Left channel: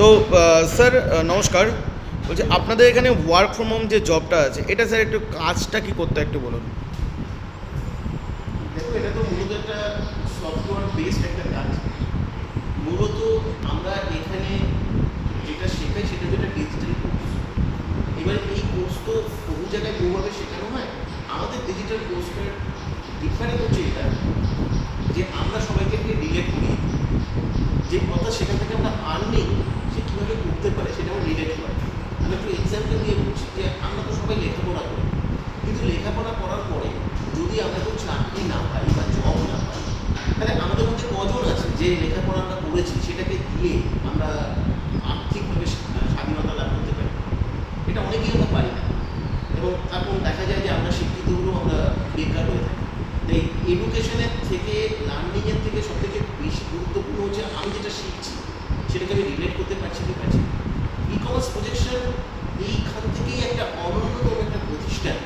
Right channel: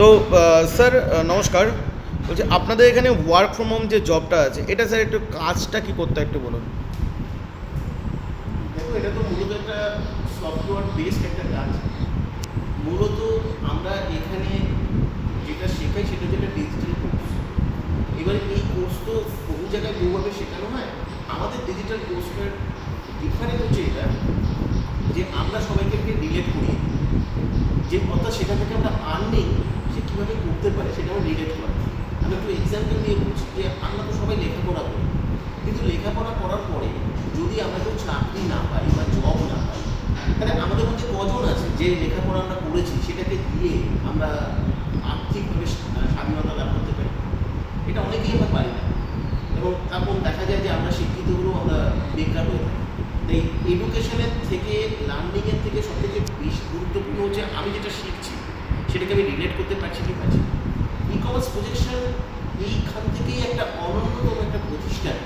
তো স্যার নমস্কার। বলছি আপনাদের এখানে ওয়ার্ক ফ্রম হোম যে জবটা আছে এটা স্যার একটু কাজটা কি করতে একটু বলুন। দেখো, এটা তো মূলত একটা সফটওয়্যার বেসড একটা কাজ। মূলত আমরা এখানে যেটা শেখাই সেটা যেটা ডিজিটাল কোর্স। এবারে এই কোর্স তো বহু জায়গায় বহুভাবে শেখানো হয়। আমাদের ডিজিটাল কোর্সটার ডিফারেন্ট হচ্ছে এটা যে আমরা সবাইকে রিলেট করি, যে কথা সেখান থেকে আমরা আর্নিং সে কীভাবে করতে পারে সেটা আমরা রিলেট করি। আমি একটু এক্সাম্পল দিয়ে বলছি যে আমরা তো সবাই লেখাপড়া করি, কিন্তু লেখাপড়া করার পরে যদি আমরা কেউ চাকরি না পাই বা জব না পাই, তাহলে আমাদের মধ্যে কজন আছে যে লেখাপড়া আমরা করেছি সেটাকে দিয়ে আমরা আর্থিকভাবে স্বাধীনতা লাভ করতে পারি? এটা অনেকেই আমরা পারি না, এবং এখন দেখা যায় যে আমরা শিক্ষিত হলেও আমরা বেকার হয়ে থাকি। তাই এডুকেশনের থেকে, লার্নিংয়ের থেকে সবথেকে বেশি গুরুত্বপূর্ণ হচ্ছে আমি যেটা শিখছি সেটাকে আমি রিলেট করতে পারছি কি পারছি। ই কমার্স প্রজেকশন এইখান থেকেই একটা অনন্যতম একটা প্রতিষ্ঠান,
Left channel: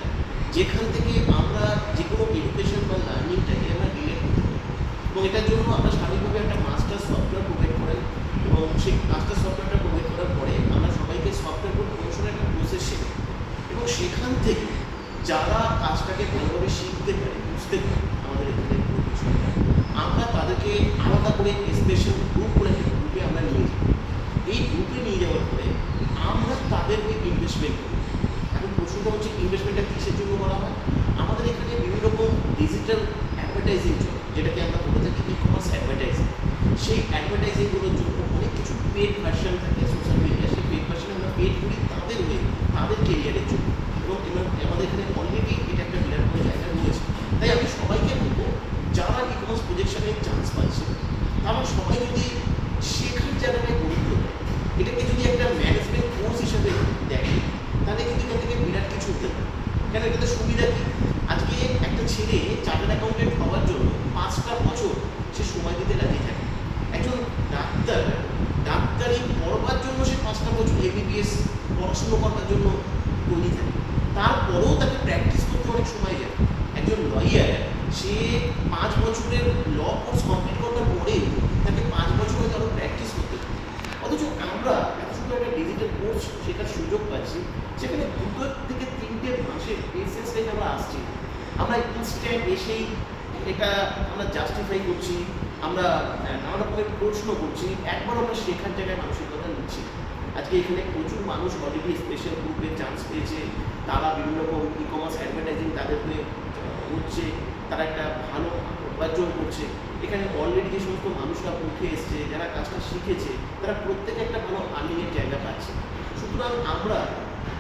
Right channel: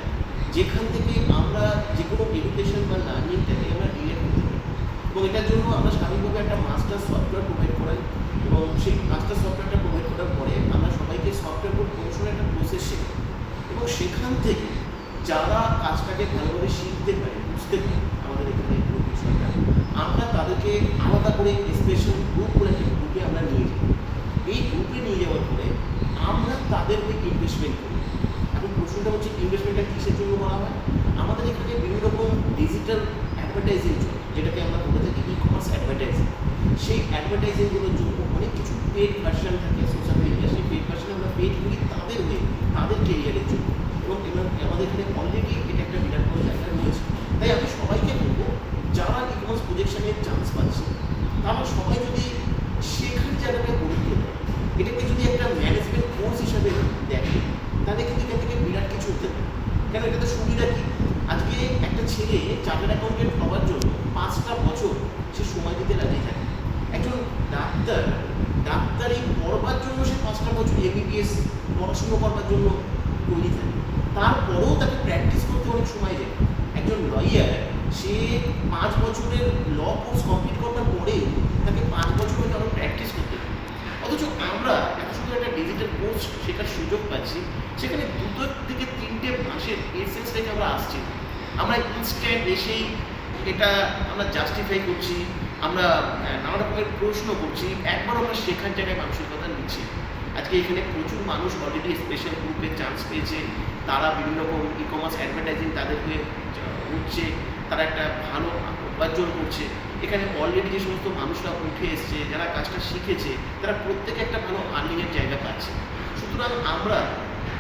যেখান থেকে আমরা যে কোনো এডুকেশন বা লার্নিংটাকে আমরা রিলেট করতে পারি। এবং এটার জন্য আমরা স্বাভাবিকভাবে একটা মাস্টার সফটওয়্যার প্রোভাইড করাই, এবং সেই মাস্টার সফটওয়্যারটা প্রোভাইড করার পরে আমরা সবাইকে সফটওয়্যার কোড প্রমোশনের একটা প্রসেস শেখাই, এবং সেখান থেকে যারা কাজটাকে ভালোভাবে শিখতে পারে, বুঝতে পারে আমাদের এখানে পুরো বিষয়টা, আমরা তাদেরকে আলাদা করে স্পেশাল গ্রুপ করে একটা গ্রুপে আমরা নিয়ে যাই। এই গ্রুপে নিয়ে যাওয়ার পরে আমরা তাদেরকে ইনভেস্টমেন্ট করি। এখন প্রশ্নটা হচ্ছে ইনভেস্টমেন্টটা কিসের জন্য করা হয়? আমাদের এখানে বিভিন্ন রকম ডিজিটাল অ্যাডভার্টাইজিং চলে, যেটাকে আমরা বলে থাকি ই কমার্স অ্যাডভার্টাইজিং। সেই অ্যাডভার্টাইজিংগুলোর জন্য অনেক কিছু পেড ভার্সন থাকে সোশ্যাল মিডিয়া, সেই পেড ভার্সনে আমরা পেড করি তাদের হয়ে, তাদের কেরিয়ারের জন্য। এবং আমাদের এখানে অলরেডি এটা একটা বিরাট বড় জায়গা রয়েছে। তাই আমি সবাইকে বলবো, যারা ই কমার্স প্রজেকশনে চান্স পাচ্ছে তারা সবাই যদি শেখার জায়গাটায় গুরুত্ব দেয়, এটাকে যদি একটা ম্যানেজমেন্ট কোর্স হিসাবে দেখে, তাহলে কিন্তু এখান থেকে বিরাট কিছু হতে পারে। কেন, এটাতে সুবিধা কী? আজকে একটা ছেলে চার্টার্ড অ্যাকাউন্টেন্ট হওয়ার জন্য 5টা বছর সে সময় দিতে রাজি থাকে। একজন ডাক্তারি পড়বার জন্য সে 5টা বছর এমবিবিএস পড়াশুনো করবার জন্য তৈরি থাকে, তারপরেও তাকে প্র্যাকটিস করতে অনেক সময় যায়। একজন লয়ার সে 5 বছরের ল কোর্স কমপ্লিট করবার পরেও তাকে 5 বছর হয়তো আরও প্র্যাকটিস করতে হবে। অথচ আমরা এত সুন্দর একটা ডিজিটাল কোর্স শেখার সুযোগ পাচ্ছি, সেখানে 2 থেকে 3টে মাসের এসেন্স রেখে আমরা আসছি। আমরা ইনস্ট্যান্ট এসেই এটা আমরা জাস্টিফাই করছি, আমরা নানা রকমের প্রশ্ন করছি, একবার আমরা শেখার জায়গায় মানসিকতা নিচ্ছি। আজকে এখানে প্রচুর মানুষ অলরেডি স্পেশাল গ্রুপে চান্স পেয়েছে, তারা বিভিন্ন রকম ই কমার্স অ্যাডভার্টাইজিং তাদেরকে হচ্ছে, তারা একটা ভালো উপার্জন করছে। এখানে অলরেডি যে সমস্ত মানুষরা উঠে এসছে, যারা কাজটা শিখেছে, তারা প্রত্যেকে একটা ভালো আর্নিংয়ের জায়গা পাচ্ছে। সুতরাং আমরা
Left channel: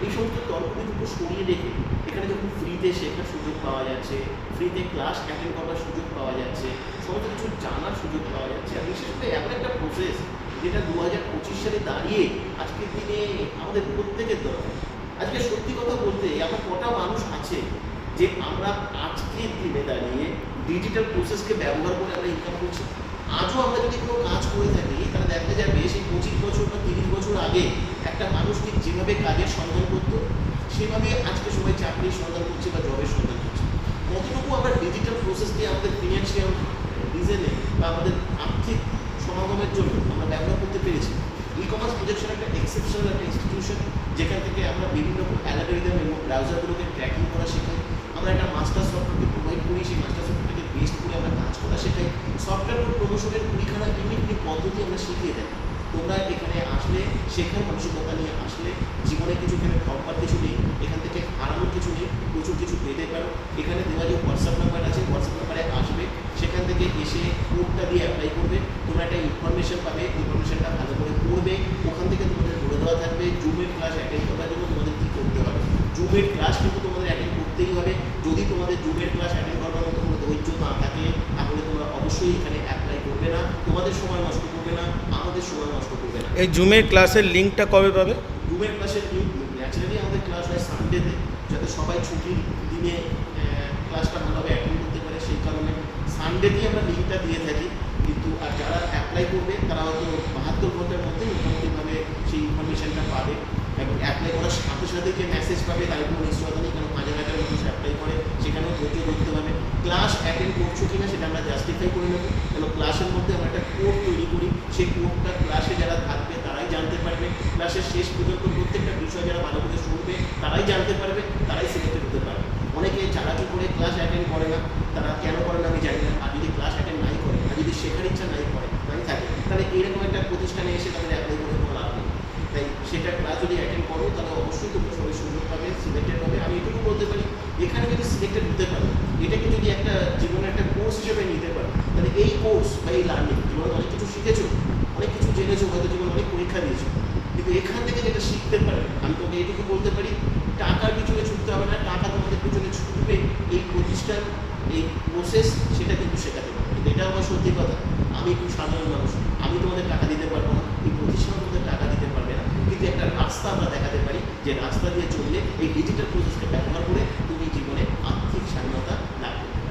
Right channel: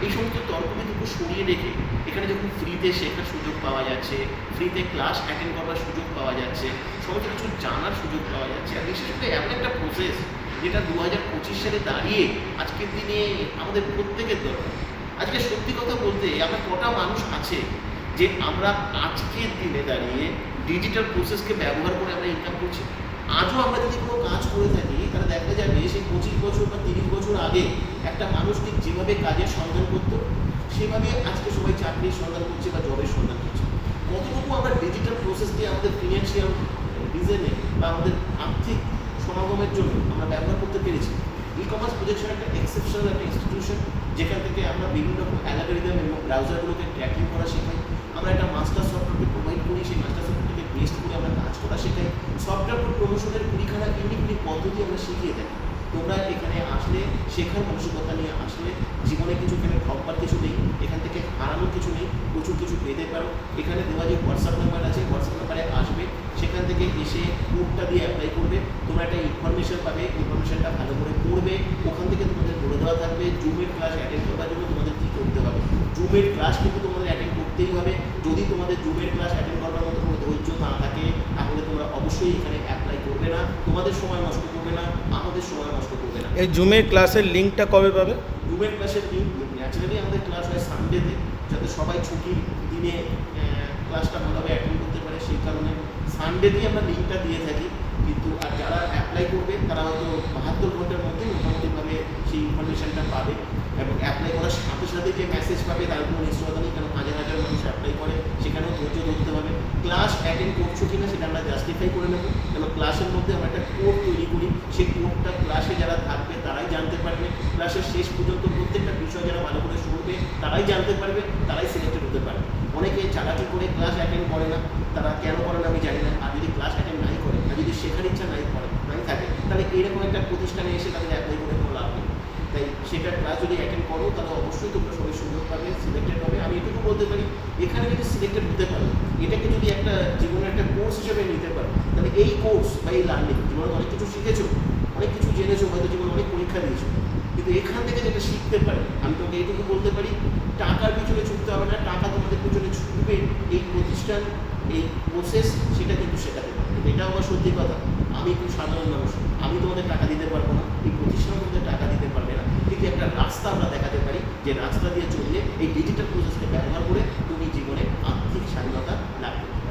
এই সমস্ত তর্ক বিতর্ক সরিয়ে রেখে এখানে যখন ফ্রিতে শেখার সুযোগ পাওয়া যাচ্ছে, ফ্রিতে ক্লাস অ্যাটেন্ড করবার সুযোগ পাওয়া যাচ্ছে, সমস্ত কিছু জানার সুযোগ পাওয়া যাচ্ছে, আর বিশেষ করে এমন একটা প্রসেস যেটা 2025 সালে দাঁড়িয়ে আজকের দিনে আমাদের প্রত্যেকের দরকার। আজকে সত্যি কথা বলতে আমরা কটা মানুষ আছে যে আমরা আজকের দিনে দাঁড়িয়ে ডিজিটাল প্রসেসকে ব্যবহার করে আমরা ইনকাম করছি? আজও আমরা যদি কোনো কাজ করে থাকি, তাহলে দেখা যাবে সেই 25 বছর বা 30 বছর আগে একটা মানুষ ঠিক যেভাবে কাজের সন্ধান করতো, সেভাবে আজকে সবাই চাকরির সন্ধান করছে বা জবের সন্ধান করছে। কতটুকু আমরা ডিজিটাল প্রসেসকে আমাদের ফিনান্সিয়াল রিজনে বা আমাদের আর্থিক সমাগমের জন্য আমরা ব্যবহার করতে পেরেছি? ই কমার্স প্রজেকশন একটা এক্সেপশনাল একটা ইনস্টিটিউশন, যেখান থেকে আমরা বিভিন্ন রকম অ্যালগরিদম এবং ব্রাউজারগুলোকে ট্র্যাকিং করা শেখাই। আমরা একটা মাস্টার সফটওয়্যারকে প্রোভাইড করি, সেই মাস্টার সফটওয়্যারকে বেস্ট করে আমরা কাজ করা শেখাই। সফটওয়্যার কোড প্রমোশনের 20খানা ইউনিক পদ্ধতি আমরা শিখিয়ে থাকি। তোমরা এখানে আসলে শেখার মানসিকতা নিয়ে আসলে জীবনে কিছু এখানে ঠকবার কিছু নেই, এখান থেকে হারানোর কিছু নেই, প্রচুর কিছু পেতে পারো। এখানে দেওয়া যে হোয়াটসঅ্যাপ নাম্বার আছে, হোয়াটসঅ্যাপ নাম্বারে আসবে, সেখান থেকে এসে কোডটা দিয়ে অ্যাপ্লাই করবে, তোমরা একটা ইনফরমেশন পাবে, ইনফরমেশনটা ভালো করে পড়বে। ওখান থেকে তোমাদের বলে দেওয়া থাকবে জুমের ক্লাস অ্যাটেন্ড করার জন্য তোমাদের কী করতে হবে। জুমের ক্লাস কিন্তু তোমাদের অ্যাটেন্ড করতেই হবে। যদি তোমাদের জুমের ক্লাস অ্যাটেন্ড করবার মতো কোনো ধৈর্য না থাকে, তাহলে তোমরা অবশ্যই এখানে অ্যাপ্লাই করবে না, তোমাদের সময় নষ্ট করবে না, আমাদের সময় নষ্ট করবে না। এই জুমের ক্লাসের লিঙ্কটা কবে পাবে? জুমের ক্লাসের লিঙ্ক ন্যাচারালি আমাদের ক্লাস হয় সানডেতে, যাতে সবাই ছুটির দিনে ক্লাসটা ভালোভাবে অ্যাটেন্ড করতে পারে, সেই কারণে সানডেতেই আমরা লিঙ্কটা দিয়ে থাকি। কিন্তু আর যারা অ্যাপ্লাই করবে তারা হয়তো 72 ঘন্টার মধ্যে মোটামুটিভাবে সেই ইনফরমেশানটা পাবে, এবং অ্যাপ্লাই করার সাথে সাথে যে মেসেজ পাবে তার কোনো নিশ্চয়তা নেই, কারণ হাজার হাজার মানুষ অ্যাপ্লাই করে, সেখানেও ধৈর্য ধরতে হবে। ক্লাস অ্যাটেন্ড করছো কিনা সেটা আমরা জাস্টিফাই করে নেবো, কেন ক্লাসের মধ্যে আমরা একটা কোড তৈরি করি, সেই কোডটা ক্লাসে যারা থাকবে তারাই জানতে পারবে, ক্লাসের শেষ পর্যন্ত প্রত্যেকটা বিষয় যারা ভালো করে শুনবে তারাই জানতে পারবে, তারাই সিলেক্টেড হতে পারবে। অনেকে চালাকি করে ক্লাস অ্যাটেন্ড করে না, তারা কেন করে না আমি জানি না। আর যদি ক্লাস অ্যাটেন্ড নাই করে, আর যদি শেখার ইচ্ছা নাই থাকে, তাহলে এরকম একটা প্রতিষ্ঠানে এসে তাদের অ্যাপ্লাই করে কোনো লাভ নেই। তাই সেটা ক্লাস যদি অ্যাটেন্ড করো তাহলে অবশ্যই তোমরা সবাই সুযোগ পাবে, সিলেক্টেড হবে। আমি এটুকু বলতে পারি, এখানে যদি সিলেক্টেড হতে পারো, এটাকে যদি একটা জীবনের একটা কোর্স হিসেবে নিতে পারো, তাহলে এই কোর্স বা এই লার্নিং জীবনে অনেক কিছু শিখেছো, অনেক কিছু জেনেছো, হয়তো জীবনে অনেক পরীক্ষা দিয়েছো, কিন্তু এখান থেকে যেটা শিখতে পারে, আমি তোমাকে এইটুকু বলতে পারি, টাকার পিছনে ছুটতে হবে না, টাকা তোমাদের পিছনে ছুটবে এই প্রতিষ্ঠান, এই প্রসেস সেটা কিন্তু শেখাতে পারে। কিন্তু এটা আমার সত্যি কথা, আমি খুব সাধারণ মানুষ, আমি তোমাদের টাকা দিতে পারবো না, এই প্রতিষ্ঠান তোমাদের টাকা দিতে পারবে না, কিন্তু একটা রাস্তা আমরা দেখাতে পারি, যে রাস্তা দিয়ে চললে এই ডিজিটাল প্রসেসকে ব্যবহার করে তুমি জীবনে আর্থিক স্বাধীনতা লাভ করবে।